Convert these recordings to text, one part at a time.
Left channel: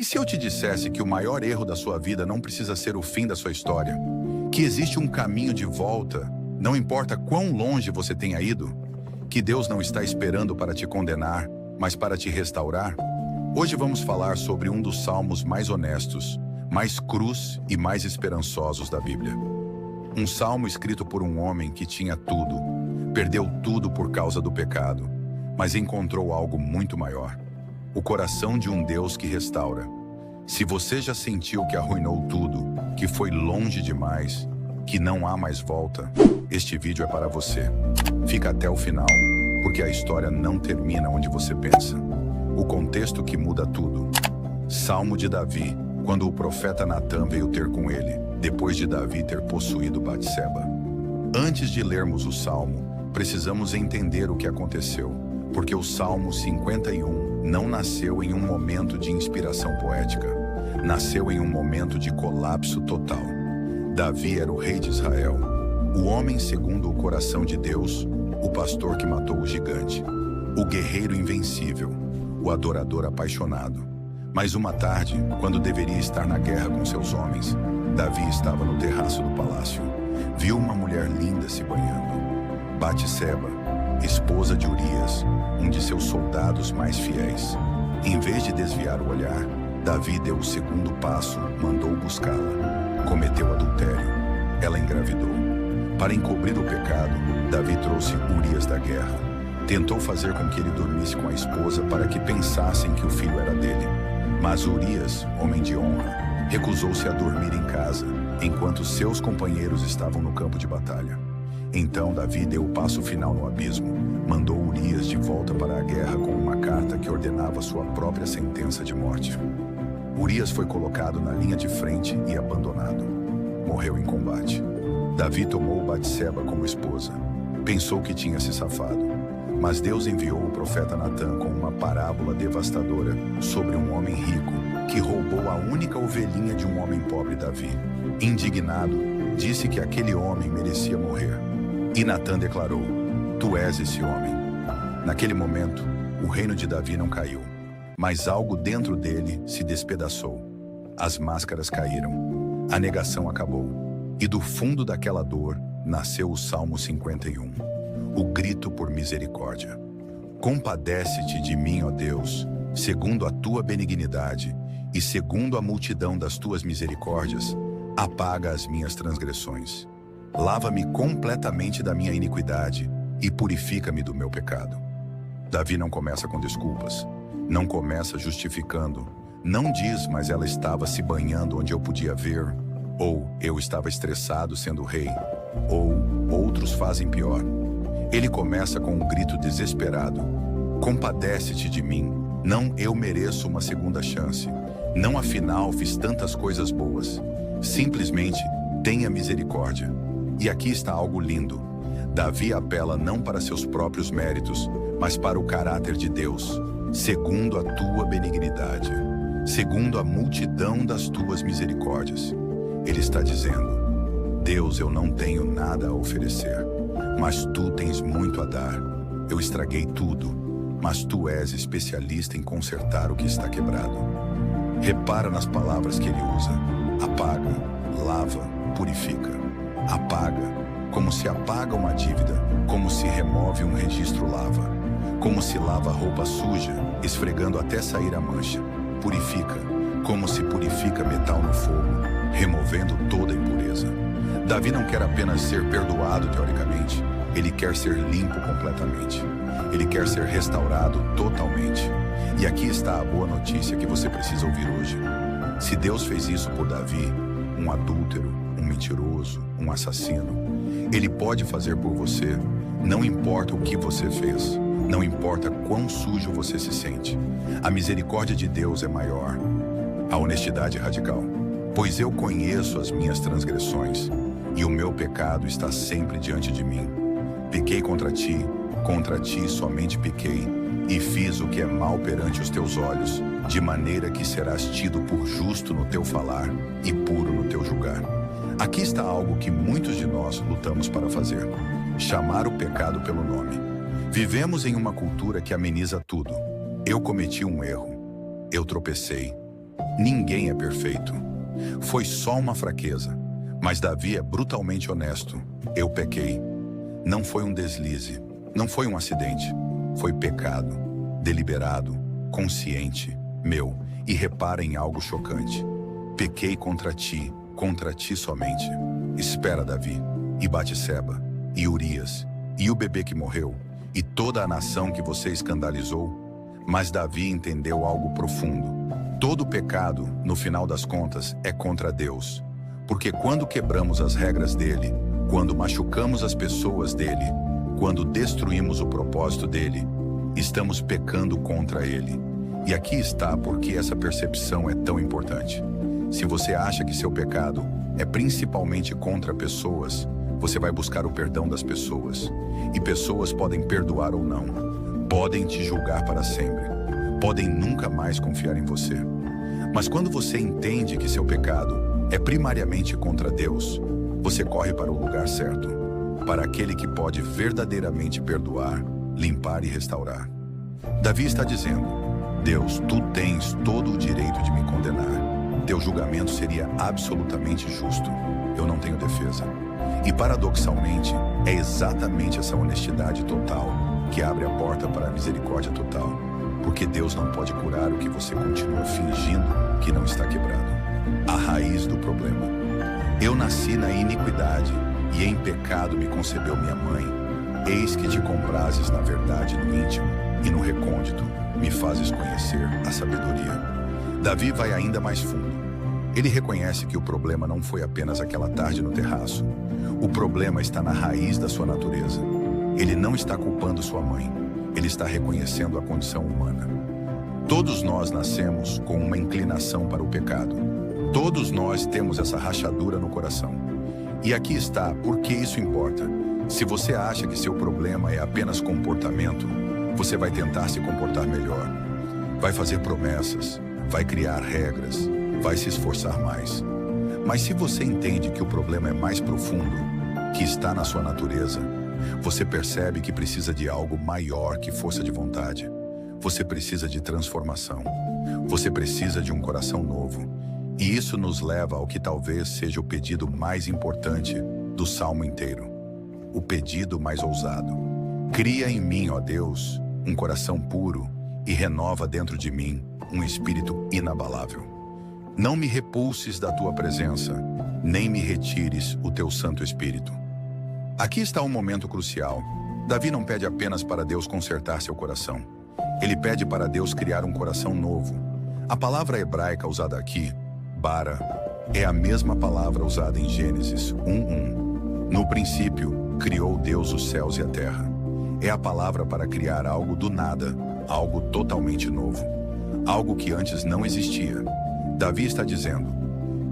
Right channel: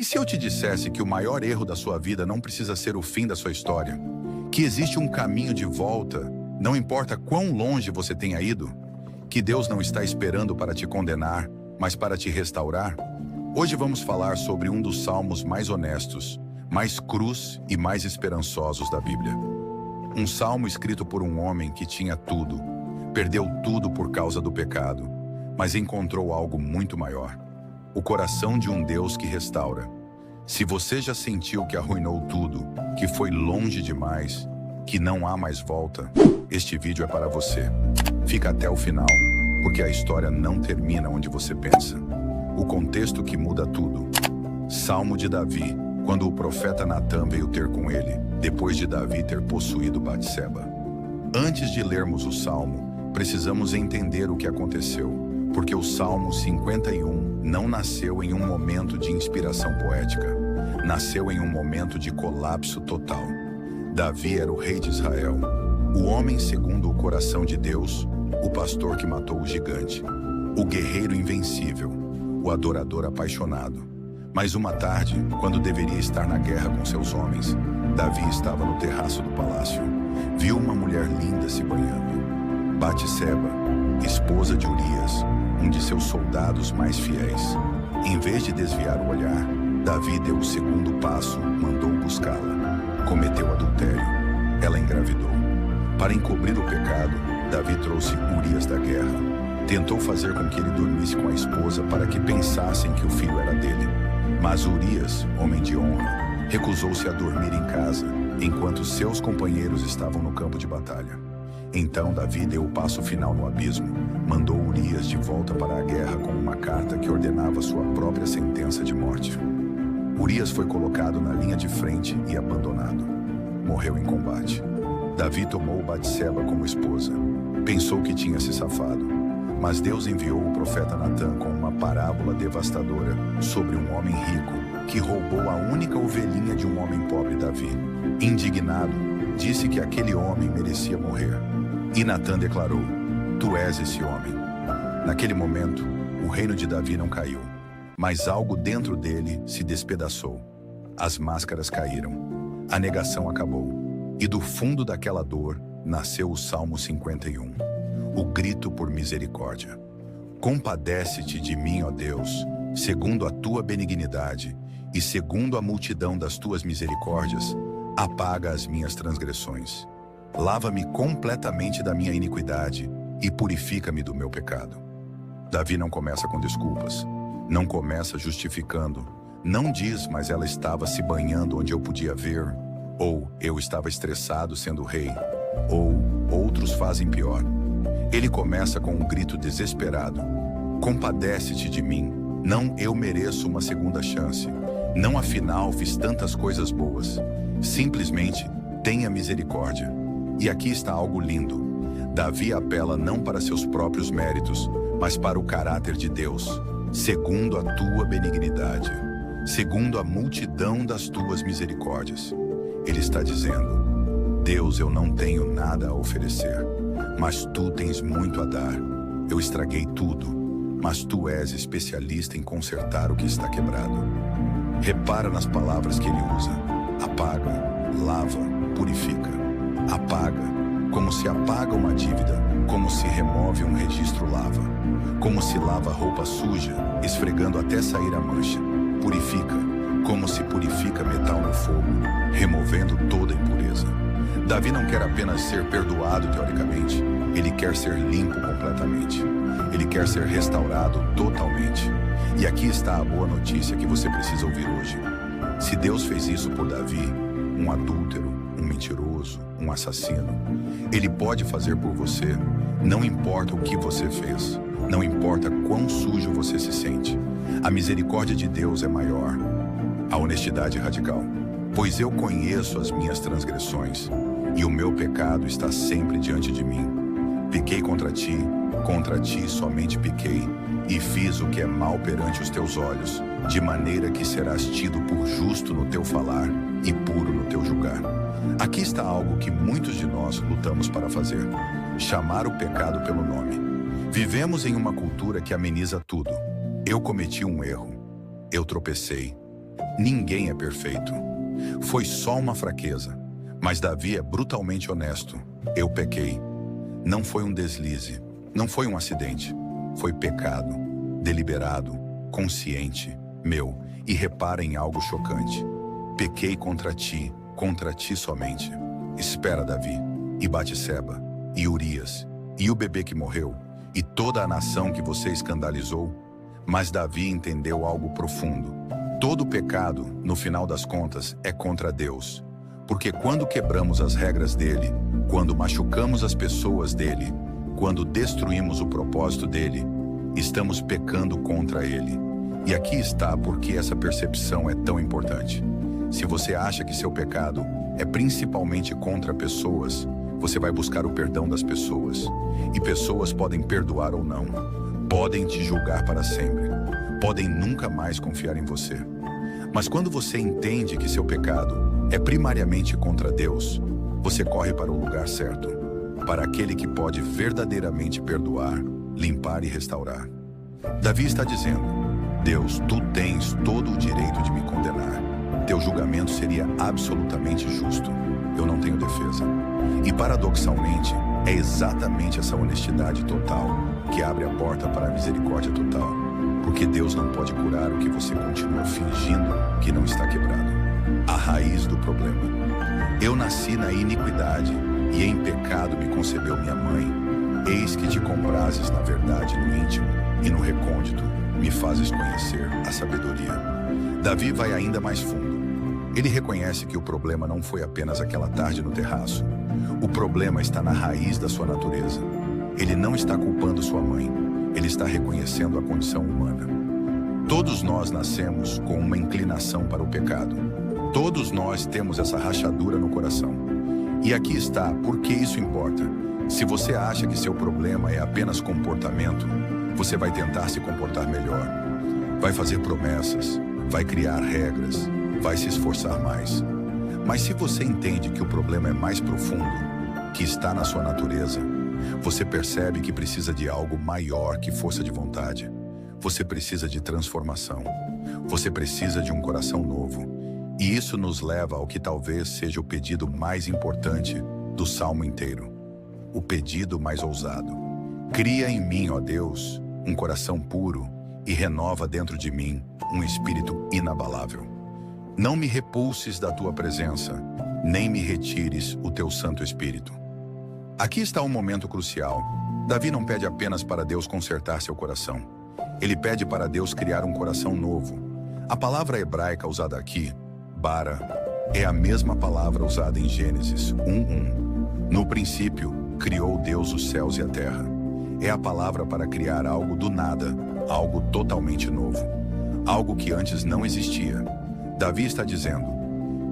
E se eu te dissesse que o maior erro da sua vida não precisa ser o fim da sua história? Que existe um caminho de volta, não importa quão longe você tenha ido? Que Deus não está esperando para te condenar, mas para te restaurar? Hoje vamos falar sobre um dos salmos mais honestos, mais crus e mais esperançosos da Bíblia. Um salmo escrito por um homem que tinha tudo, perdeu tudo por causa do pecado, mas encontrou algo muito maior: o coração de um Deus que restaura. Se você já sentiu que arruinou tudo, que foi longe demais, que não há mais volta, este vídeo é para você. Fica até o final, porque a história não termina onde você pensa. O contexto que muda tudo. Salmo de Davi, quando o profeta Natã veio ter com ele, depois de Davi ter possuído Batseba. Antes de lermos o salmo, precisamos entender o que aconteceu, porque o Salmo 51 não nasceu em um momento de inspiração poética. Nasceu em um momento de colapso total. Davi era o rei de Israel, o homem segundo o coração de Deus, o pastor que matou o gigante, o guerreiro invencível, o adorador apaixonado. Mas uma tarde, quando deveria estar na guerra com seus homens, Davi estava no terraço do palácio. Viu uma mulher linda se banhando. Batseba, esposa de Urias, um de seus soldados mais fiéis. Em vez de desviar o olhar, Davi deu o segundo passo, mandou buscá-la. Cometeu adultério. Ela engravidou. Para encobrir o pecado, Davi trouxe Urias da guerra. Tentou fazer com que ele dormisse com a esposa para que pensassem que o filho era dele. Mas Urias, homem de honra, recusou-se a dormir em casa, enquanto seus companheiros estavam no campo de batalha. Então Davi deu o passo final no abismo, mandou Urias de volta para a guerra com uma carta que ordenava sua própria sentença de morte. Urias foi colocado na linha de frente e abandonado. Morreu em combate. Davi tomou Batseba como esposa. Pensou que tinha se safado. Mas Deus enviou o profeta Natã com uma parábola devastadora sobre um homem rico que roubou a única ovelhinha de um homem pobre, Davi. Indignado, disse que aquele homem merecia morrer. E Natã declarou: "Tu és esse homem." Naquele momento, o reino de Davi não caiu, mas algo dentro dele se despedaçou. As máscaras caíram, a negação acabou, e do fundo daquela dor nasceu o Salmo 51, o grito por misericórdia. Compadece-te de mim, ó Deus, segundo a tua benignidade, e segundo a multidão das tuas misericórdias, apaga as minhas transgressões. Lava-me completamente da minha iniquidade e purifica-me do meu pecado. Davi não começa com desculpas, não começa justificando, não diz, mas ela estava se banhando onde eu podia ver, ou eu estava estressado sendo rei, ou outros fazem pior. Ele começa com um grito desesperado: compadece-te de mim, não eu mereço uma segunda chance, não afinal fiz tantas coisas boas, simplesmente tenha misericórdia. E aqui está algo lindo. Davi apela não para seus próprios méritos, mas para o caráter de Deus, segundo a tua benignidade, segundo a multidão das tuas misericórdias. Ele está dizendo: Deus, eu não tenho nada a oferecer, mas tu tens muito a dar. Eu estraguei tudo, mas tu és especialista em consertar o que está quebrado. Repara nas palavras que ele usa: apaga, lava, purifica. Apaga, como se apaga uma dívida, como se remove um registro lava, como se lava roupa suja, esfregando até sair a mancha. Purifica, como se purifica metal no fogo, removendo toda a impureza. Davi não quer apenas ser perdoado teoricamente, ele quer ser limpo completamente. Ele quer ser restaurado totalmente. E aqui está a boa notícia que você precisa ouvir hoje. Se Deus fez isso por Davi, um adúltero, um mentiroso, um assassino, Ele pode fazer por você, não importa o que você fez, não importa quão sujo você se sente. A misericórdia de Deus é maior. A honestidade radical: pois eu conheço as minhas transgressões, e o meu pecado está sempre diante de mim. Pequei contra ti somente pequei, e fiz o que é mal perante os teus olhos, de maneira que serás tido por justo no teu falar e puro no teu julgar. Aqui está algo que muitos de nós lutamos para fazer: chamar o pecado pelo nome. Vivemos em uma cultura que ameniza tudo. Eu cometi um erro. Eu tropecei. Ninguém é perfeito. Foi só uma fraqueza. Mas Davi é brutalmente honesto. Eu pequei. Não foi um deslize. Não foi um acidente. Foi pecado. Deliberado. Consciente. Meu. E repara em algo chocante. Pequei contra ti somente. Espera, Davi. E Batseba. E Urias. E o bebê que morreu. E toda a nação que você escandalizou. Mas Davi entendeu algo profundo. Todo pecado, no final das contas, é contra Deus. Porque quando quebramos as regras dele, quando machucamos as pessoas dele, quando destruímos o propósito dele, estamos pecando contra ele. E aqui está porque essa percepção é tão importante. Se você acha que seu pecado é principalmente contra pessoas, você vai buscar o perdão das pessoas. E pessoas podem perdoar ou não. Podem te julgar para sempre. Podem nunca mais confiar em você. Mas quando você entende que seu pecado é primariamente contra Deus, você corre para o lugar certo, para aquele que pode verdadeiramente perdoar, limpar e restaurar. Davi está dizendo: Deus, tu tens todo o direito de me condenar. Teu julgamento seria absolutamente justo. Eu não tenho defesa. E paradoxalmente, é exatamente essa honestidade total que abre a porta para a misericórdia total. Porque Deus não pode curar o que você continua fingindo que não está quebrado. A raiz do problema. Eu nasci na iniquidade e em pecado me concebeu minha mãe. Eis que te comprases na verdade no íntimo e no recôndito me fazes conhecer a sabedoria. Davi vai ainda mais fundo. Ele reconhece que o problema não foi apenas aquela tarde no terraço. O problema está na raiz da sua natureza. Ele não está culpando sua mãe. Ele está reconhecendo a condição humana. Todos nós nascemos com uma inclinação para o pecado. Todos nós temos essa rachadura no coração. E aqui está por que isso importa. Se você acha que seu problema é apenas comportamento, você vai tentar se comportar melhor. Vai fazer promessas, vai criar regras, vai se esforçar mais. Mas se você entende que o problema é mais profundo, que está na sua natureza, você percebe que precisa de algo maior que força de vontade. Você precisa de transformação. Você precisa de um coração novo. E isso nos leva ao que talvez seja o pedido mais importante do Salmo inteiro. O pedido mais ousado. Cria em mim, ó Deus, um coração puro e renova dentro de mim um espírito inabalável. Não me repulses da tua presença, nem me retires o teu Santo Espírito. Aqui está um momento crucial. Davi não pede apenas para Deus consertar seu coração. Ele pede para Deus criar um coração novo. A palavra hebraica usada aqui, bara, é a mesma palavra usada em Gênesis 1:1. No princípio, criou Deus os céus e a terra. É a palavra para criar algo do nada, algo totalmente novo. Algo que antes não existia. Davi está dizendo:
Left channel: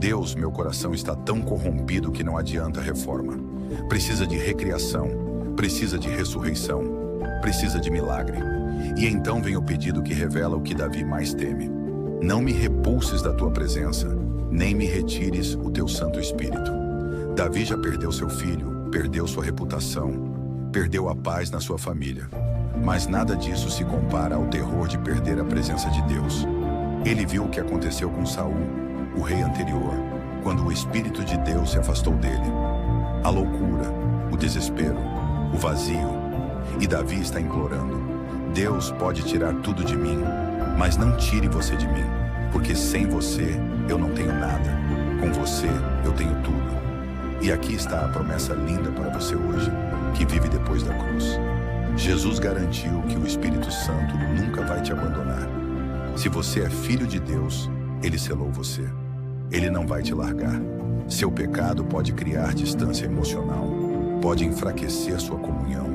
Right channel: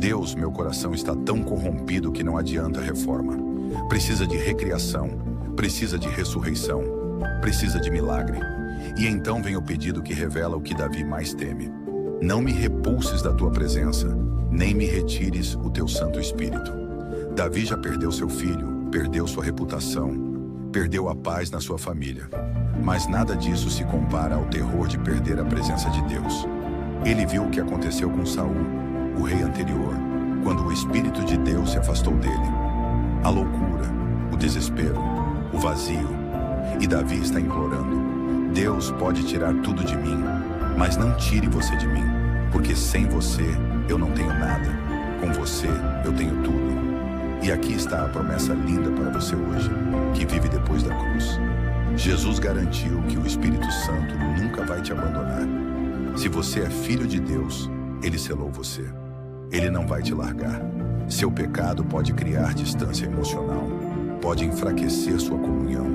Deus, meu coração está tão corrompido que não adianta reforma. Precisa de recriação, precisa de ressurreição, precisa de milagre. E então vem o pedido que revela o que Davi mais teme. Não me repulses da tua presença, nem me retires o teu Santo Espírito. Davi já perdeu seu filho, perdeu sua reputação, perdeu a paz na sua família. Mas nada disso se compara ao terror de perder a presença de Deus. Ele viu o que aconteceu com Saul, o rei anterior, quando o Espírito de Deus se afastou dele. A loucura, o desespero, o vazio. E Davi está implorando: Deus pode tirar tudo de mim, mas não tire você de mim, porque sem você eu não tenho nada, com você eu tenho tudo. E aqui está a promessa linda para você hoje, que vive depois da cruz. Jesus garantiu que o Espírito Santo nunca vai te abandonar. Se você é filho de Deus, Ele selou você. Ele não vai te largar. Seu pecado pode criar distância emocional, pode enfraquecer sua comunhão,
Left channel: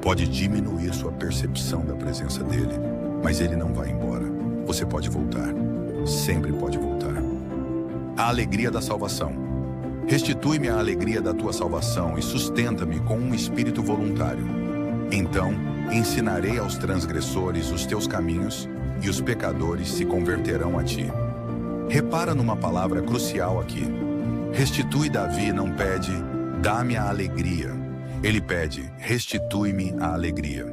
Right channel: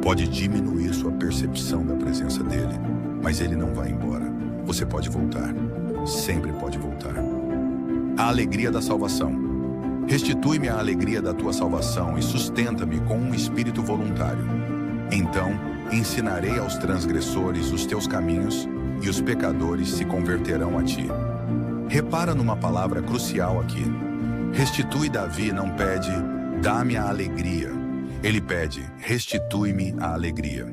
pode diminuir sua percepção da presença dele, mas ele não vai embora. Você pode voltar, sempre pode voltar. A alegria da salvação. Restitui-me a alegria da tua salvação e sustenta-me com um espírito voluntário. Então, ensinarei aos transgressores os teus caminhos e os pecadores se converterão a ti. Repara numa palavra crucial aqui. Restitui Davi não pede, dá-me a alegria. Ele pede, restitui-me a alegria.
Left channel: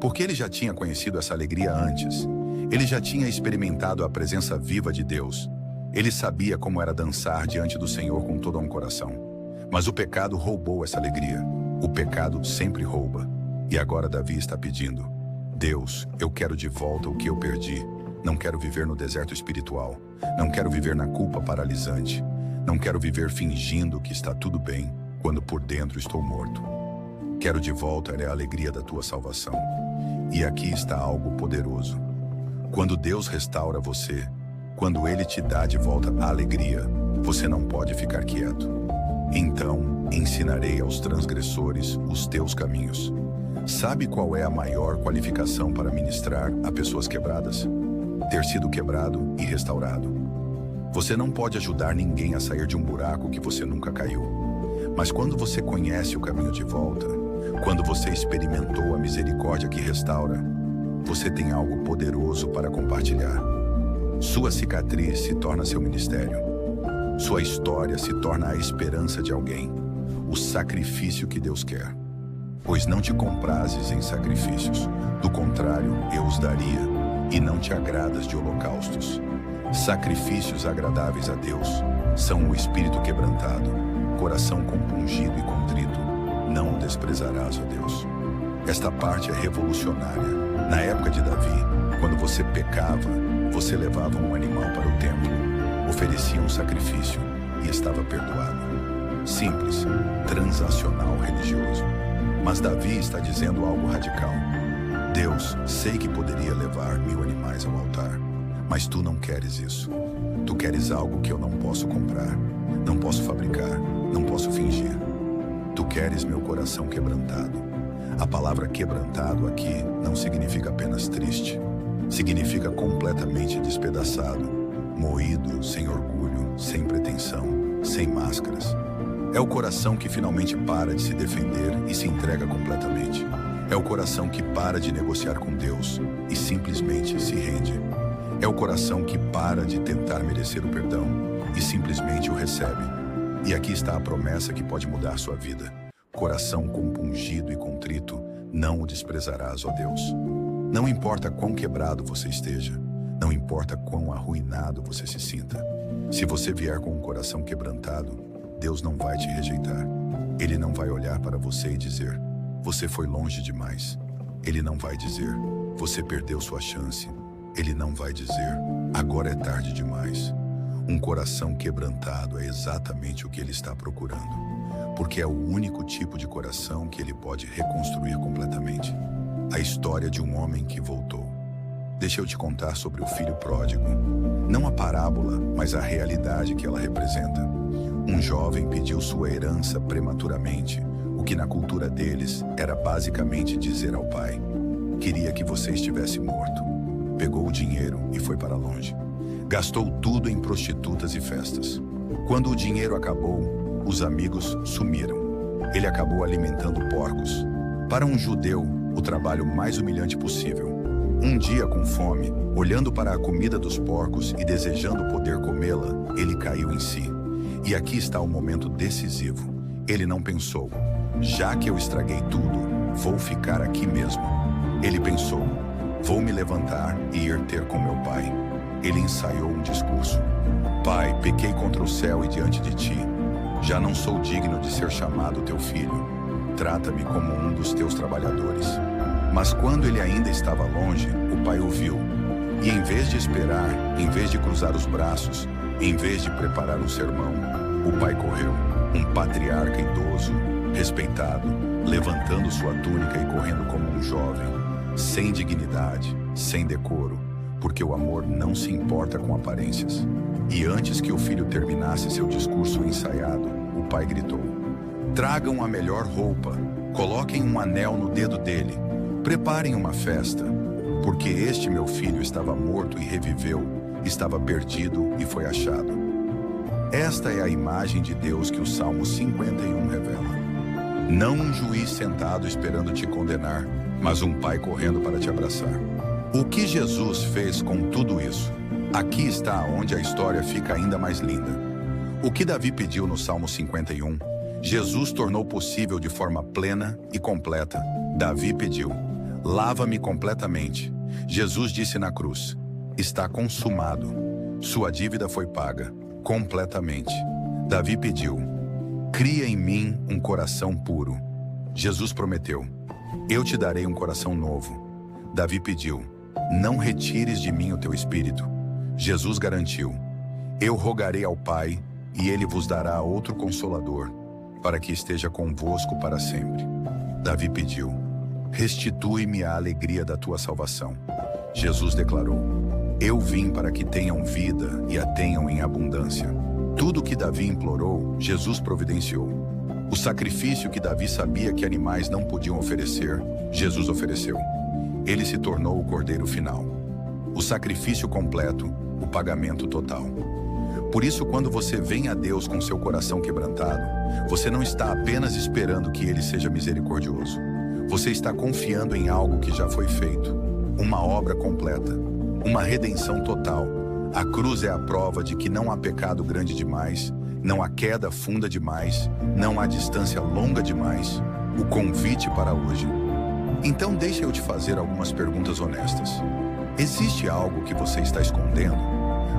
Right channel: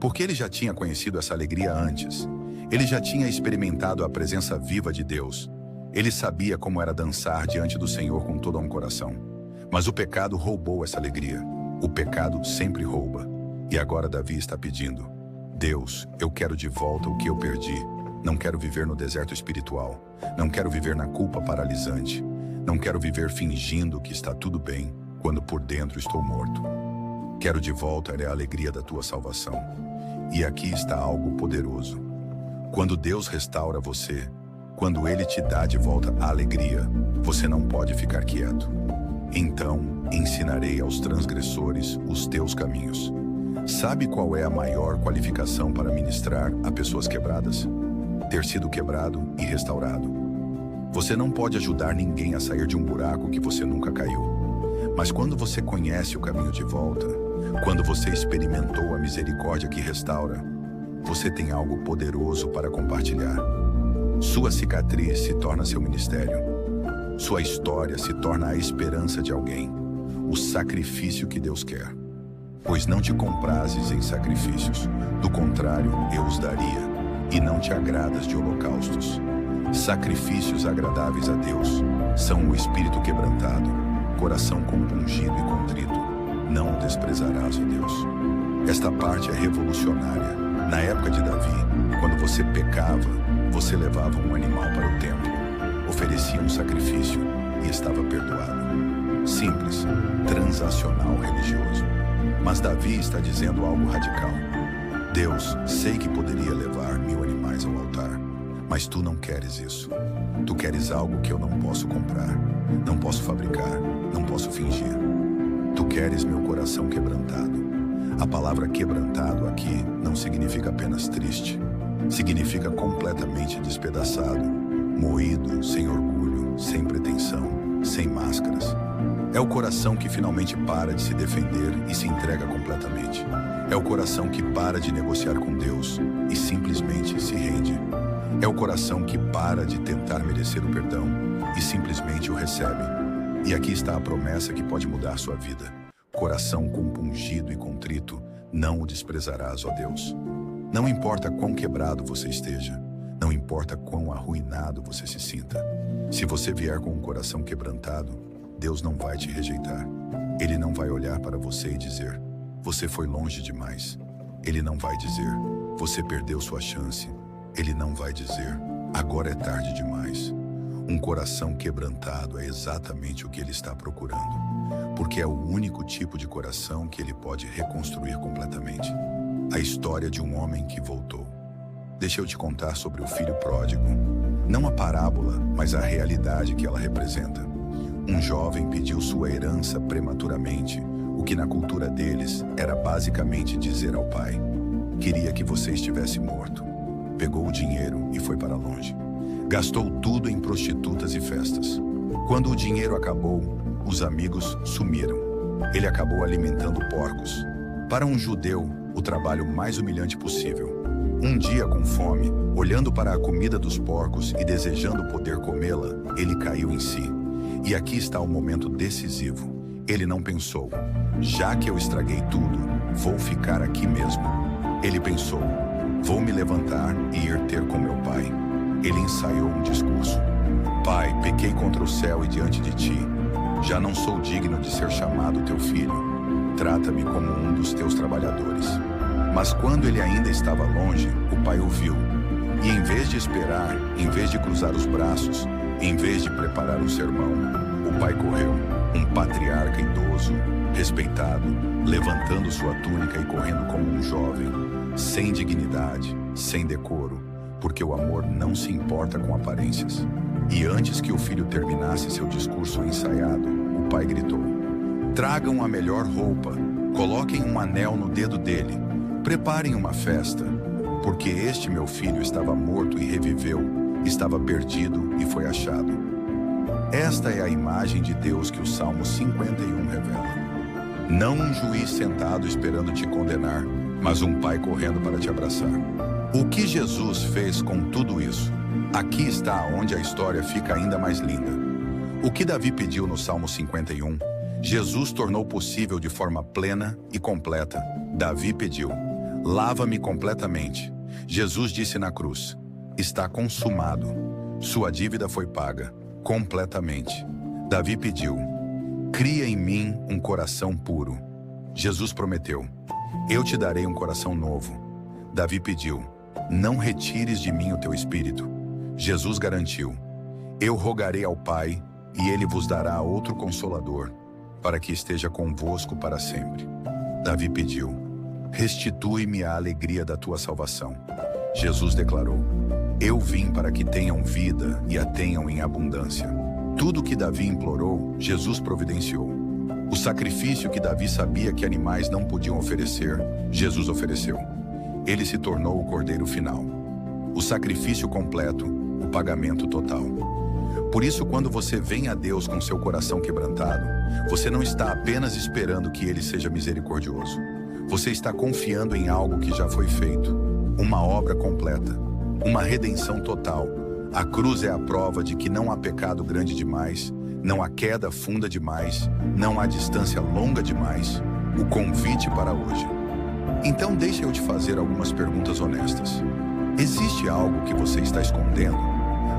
Porque ele já tinha conhecido essa alegria antes. Ele já tinha experimentado a presença viva de Deus. Ele sabia como era dançar diante do Senhor com todo um coração. Mas o pecado roubou essa alegria. O pecado sempre rouba. E agora Davi está pedindo: Deus, eu quero de volta o que eu perdi. Não quero viver no deserto espiritual. Não quero viver na culpa paralisante. Não quero viver fingindo que está tudo bem, quando por dentro estou morto. Quero de volta a alegria da tua salvação. E aqui está algo poderoso. Quando Deus restaura você, quando Ele te dá de volta a alegria, você não pode ficar quieto. Então, ensinarei aos transgressores os teus caminhos. Sabe qual é a maior qualificação para ministrar a pessoas quebradas? Ter sido quebrado e restaurado. Você não pode ajudar ninguém a sair de um buraco que você nunca caiu. Mas quando você conhece o caminho de volta, quando você experimentou a misericórdia que restaura, você tem algo poderoso para compartilhar. Sua cicatriz se torna seu ministério. Sua história se torna a esperança de alguém, o sacrifício que Deus quer. Pois não te comprases em sacrifícios, do contrário, eu os daria, e não te agradas de holocaustos. Sacrifícios agradáveis a Deus são o espírito quebrantado, coração compungido e contrito. Não o desprezarás, ó Deus. Esta parte é revolucionária. Na época de Davi, quando você pecava, você levava um animal para o templo, oferecia um sacrifício e estava perdoado. Simples, transacional religioso. Mas Davi está dizendo algo radical. Deus, sei que poderia levar 1000 animais ao altar, mas tu não queres isso. Tu queres algo que eu não posso comprar, não posso fabricar, não posso fingir. Tu queres meu coração quebrantado. A palavra quebrantado aqui não significa apenas triste. Significa completamente despedaçado, moído, sem orgulho, sem pretensão, sem máscaras. É o coração que finalmente para de se defender e se entrega completamente. É o coração que para de negociar com Deus e simplesmente se rende. É o coração que para de tentar merecer o perdão e simplesmente o recebe. E aqui está a promessa que pode mudar sua vida. Coração compungido e contrito, não o desprezarás, ó Deus. Não importa quão quebrado você esteja, não importa quão arruinado você se sinta. Se você vier com um coração quebrantado, Deus não vai te rejeitar. Ele não vai olhar para você e dizer: você foi longe demais. Ele não vai dizer: você perdeu sua chance. Ele não vai dizer: agora é tarde demais. Um coração quebrantado é exatamente o que ele está procurando, porque é o único tipo de coração que ele pode reconstruir completamente. A história de um homem que voltou. Deixa eu te contar sobre o filho pródigo. Não a parábola, mas a realidade que ela representa. Um jovem pediu sua herança prematuramente, o que na cultura deles era basicamente dizer ao pai: queria que você estivesse morto. Pegou o dinheiro e foi para longe. Gastou tudo em prostitutas e festas. Quando o dinheiro acabou, os amigos sumiram. Ele acabou alimentando porcos. Para um judeu, o trabalho mais humilhante possível. Um dia, com fome, olhando para a comida dos porcos e desejando poder comê-la, ele caiu em si. E aqui está o momento decisivo. Ele não pensou: já que eu estraguei tudo, vou ficar aqui mesmo. Ele pensou: vou me levantar e ir ter com meu pai. Ele ensaiou um discurso: Pai, pequei contra o céu e diante de ti. Já não sou digno de ser chamado teu filho. Trata-me como um dos teus trabalhadores. Mas quando ele ainda estava longe, o pai o viu. E em vez de esperar, em vez de cruzar os braços, em vez de preparar um sermão, o pai correu. Um patriarca idoso, respeitado, levantando sua túnica e correndo como um jovem, sem dignidade, sem decoro, porque o amor não se importa com aparências. E antes que o filho terminasse seu discurso ensaiado, o pai gritou: tragam a melhor roupa, coloquem um anel no dedo dele, preparem uma festa, porque este meu filho estava morto e reviveu, estava perdido e foi achado. Esta é a imagem de Deus que o Salmo 51 revela. Não um juiz sentado esperando te condenar, mas um pai correndo para te abraçar. O que Jesus fez com tudo isso? Aqui está onde a história fica ainda mais linda. O que Davi pediu no Salmo 51, Jesus tornou possível de forma plena e completa. Davi pediu: lava-me completamente. Jesus disse na cruz: está consumado. Sua dívida foi paga, completamente. Davi pediu: cria em mim um coração puro. Jesus prometeu: eu te darei um coração novo. Davi pediu: não retires de mim o teu espírito. Jesus garantiu: eu rogarei ao Pai, e ele vos dará outro consolador, para que esteja convosco para sempre. Davi pediu: restitui-me a alegria da tua salvação. Jesus declarou: eu vim para que tenham vida e a tenham em abundância. Tudo o que Davi implorou, Jesus providenciou. O sacrifício que Davi sabia que animais não podiam oferecer, Jesus ofereceu. Ele se tornou o cordeiro final. O sacrifício completo, o pagamento total. Por isso, quando você vem a Deus com seu coração quebrantado, você não está apenas esperando que Ele seja misericordioso. Você está confiando em algo que já foi feito. Uma obra completa. Uma redenção total. A cruz é a prova de que não há pecado grande demais, não há queda funda demais, não há distância longa demais. O convite para hoje. Então deixa eu te fazer algumas perguntas honestas. Existe algo que você está escondendo?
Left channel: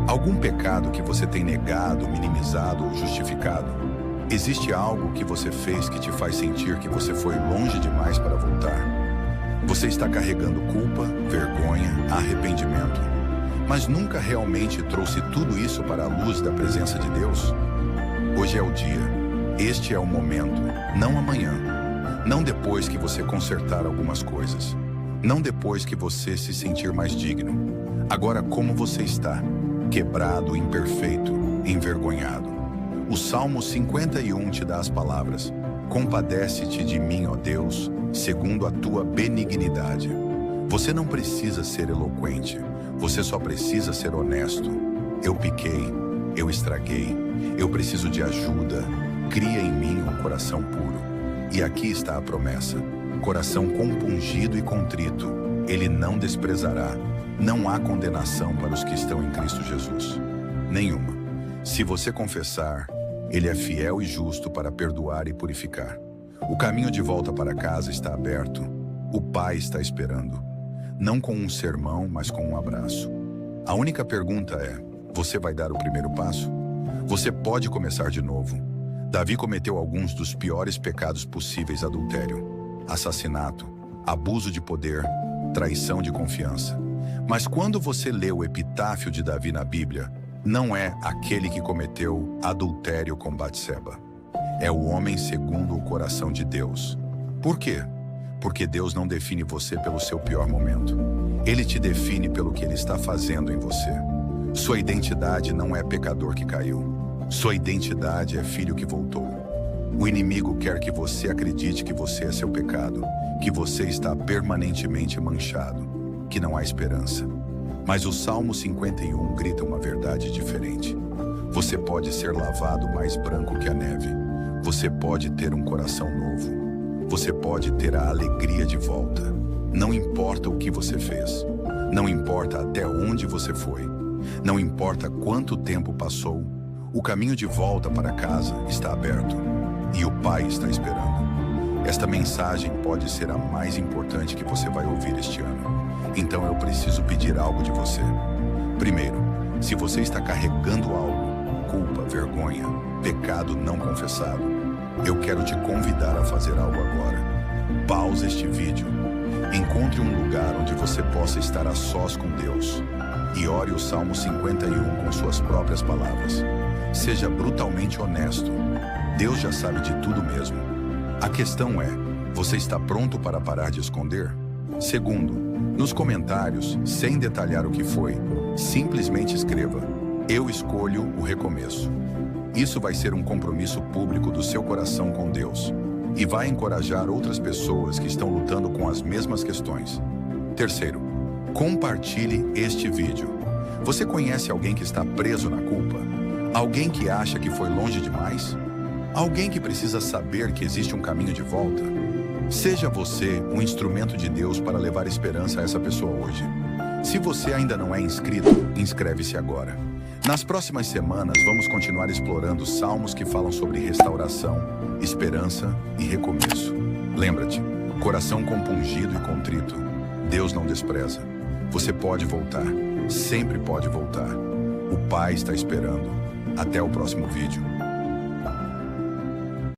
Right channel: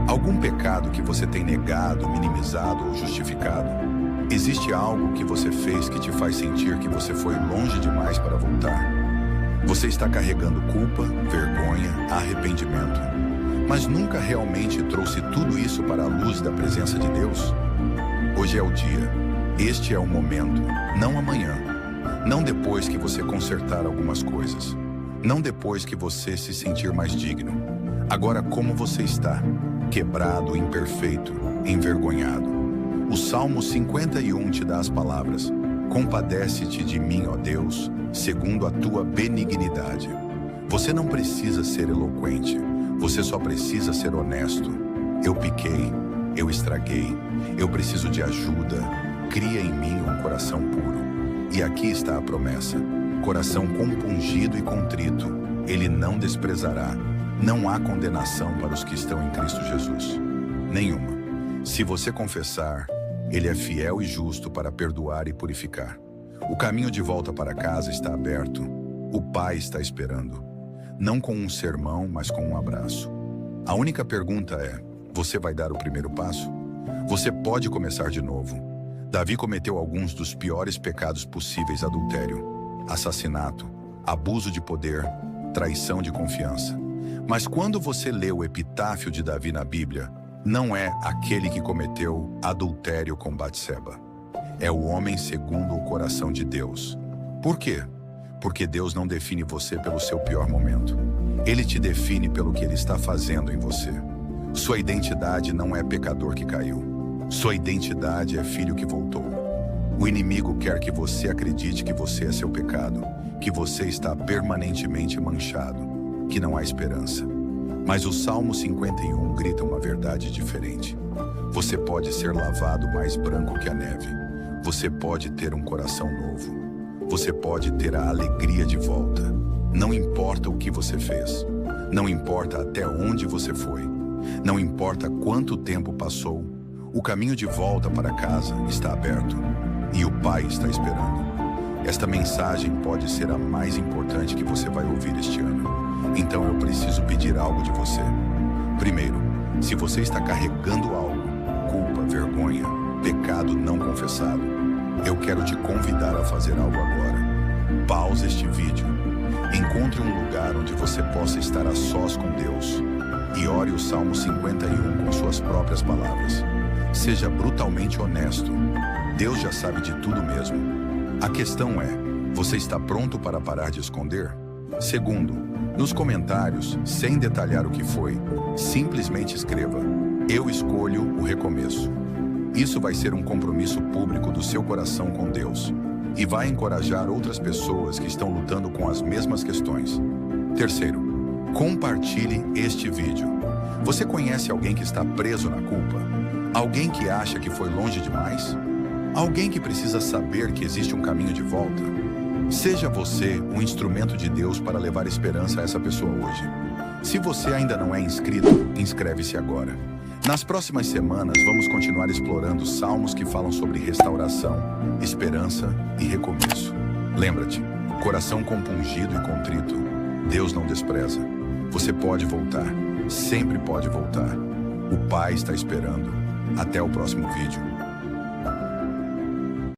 Algum pecado que você tem negado, minimizado ou justificado? Existe algo que você fez que te faz sentir que você foi longe demais para voltar? Você está carregando culpa, vergonha, arrependimento, mas nunca realmente trouxe tudo isso para a luz da presença de Deus? Hoje é o dia. Este é o momento, não amanhã. Não depois que você consertar algumas coisas. Não depois que você se sentir mais digno. Agora, como você está? Quebrado, imperfeito, envergonhado. O Salmo 51 te dá as palavras: compadece-te de mim, ó Deus, segundo a tua benignidade. Você não precisa ser eloquente, você só precisa ser honesto. Eu piquei, eu estraguei, eu preciso de ajuda. Cria em mim um coração puro. E aqui está a promessa: coração compungido e contrito, Ele não desprezará. Não há condenação para os que estão em Cristo Jesus. Nenhuma. Se você confessar, Ele é fiel e justo para perdoar e purificar. O caminho de volta para casa está aberto. O Pai está esperando. Não com um sermão, mas com um abraço. A única pergunta é: você vai dar o primeiro passo? Você pode começar de novo. Davi cometeu alguns dos piores pecados possíveis: adultério, assassinato, abuso de poder, traição de confiança. Mas quando você lê o epitáfio de Davi na Bíblia, não é aquele que cometeu adultério com Batseba. É o homem segundo o coração de Deus. Por quê? Porque Deus não define você pelo seu pior momento. Ele te define pelo que Ele está fazendo em você. Sua identidade não é pecador que caiu. Sua identidade é filho que voltou. O inimigo quer que você acredite que você é seu pecado, que você está permanentemente manchado, que não há esperança. Mas o Salmo 51 grita uma verdade diferente. Você pode ser lavado mais branco que a neve. Você pode ter um coração novo. Você pode ter a alegria de volta. Não importa o que você fez. Não importa até onde você foi. Não importa quanto tempo passou. O caminho de volta para casa está aberto. E o Pai está esperando. Esta mensagem pode ser a mais importante que você vai ouvir este ano. Então eu preciso pedir algo de você. Primeiro, se você está carregando algo, culpa, vergonha, pecado não confessado, eu quero te convidar a fazer algo agora. Pause este vídeo. Encontre um lugar onde você possa estar a sós com Deus e ore o Salmo 51 com suas próprias palavras. Seja brutalmente honesto. Deus já sabe de tudo mesmo. A questão é: você está pronto para parar de esconder? Segundo, nos comentários, sem detalhar o que foi, simplesmente escreva: eu escolho o recomeço. Isso vai ser um compromisso público do seu coração com Deus e vai encorajar outras pessoas que estão lutando com as mesmas questões. Terceiro, compartilhe este vídeo. Você conhece alguém que está preso na culpa? Alguém que acha que foi longe demais? Alguém que precisa saber que existe um caminho de volta? Seja você um instrumento de Deus para levar esperança a essa pessoa hoje. Se você ainda não é inscrito, inscreve-se agora. Nas próximas semanas, vamos continuar explorando salmos que falam sobre restauração, esperança e recomeço. Lembra-te, coração compungido e contrito, Deus não despreza. Você pode voltar, sempre pode voltar. O Pai está esperando. Até o próximo vídeo.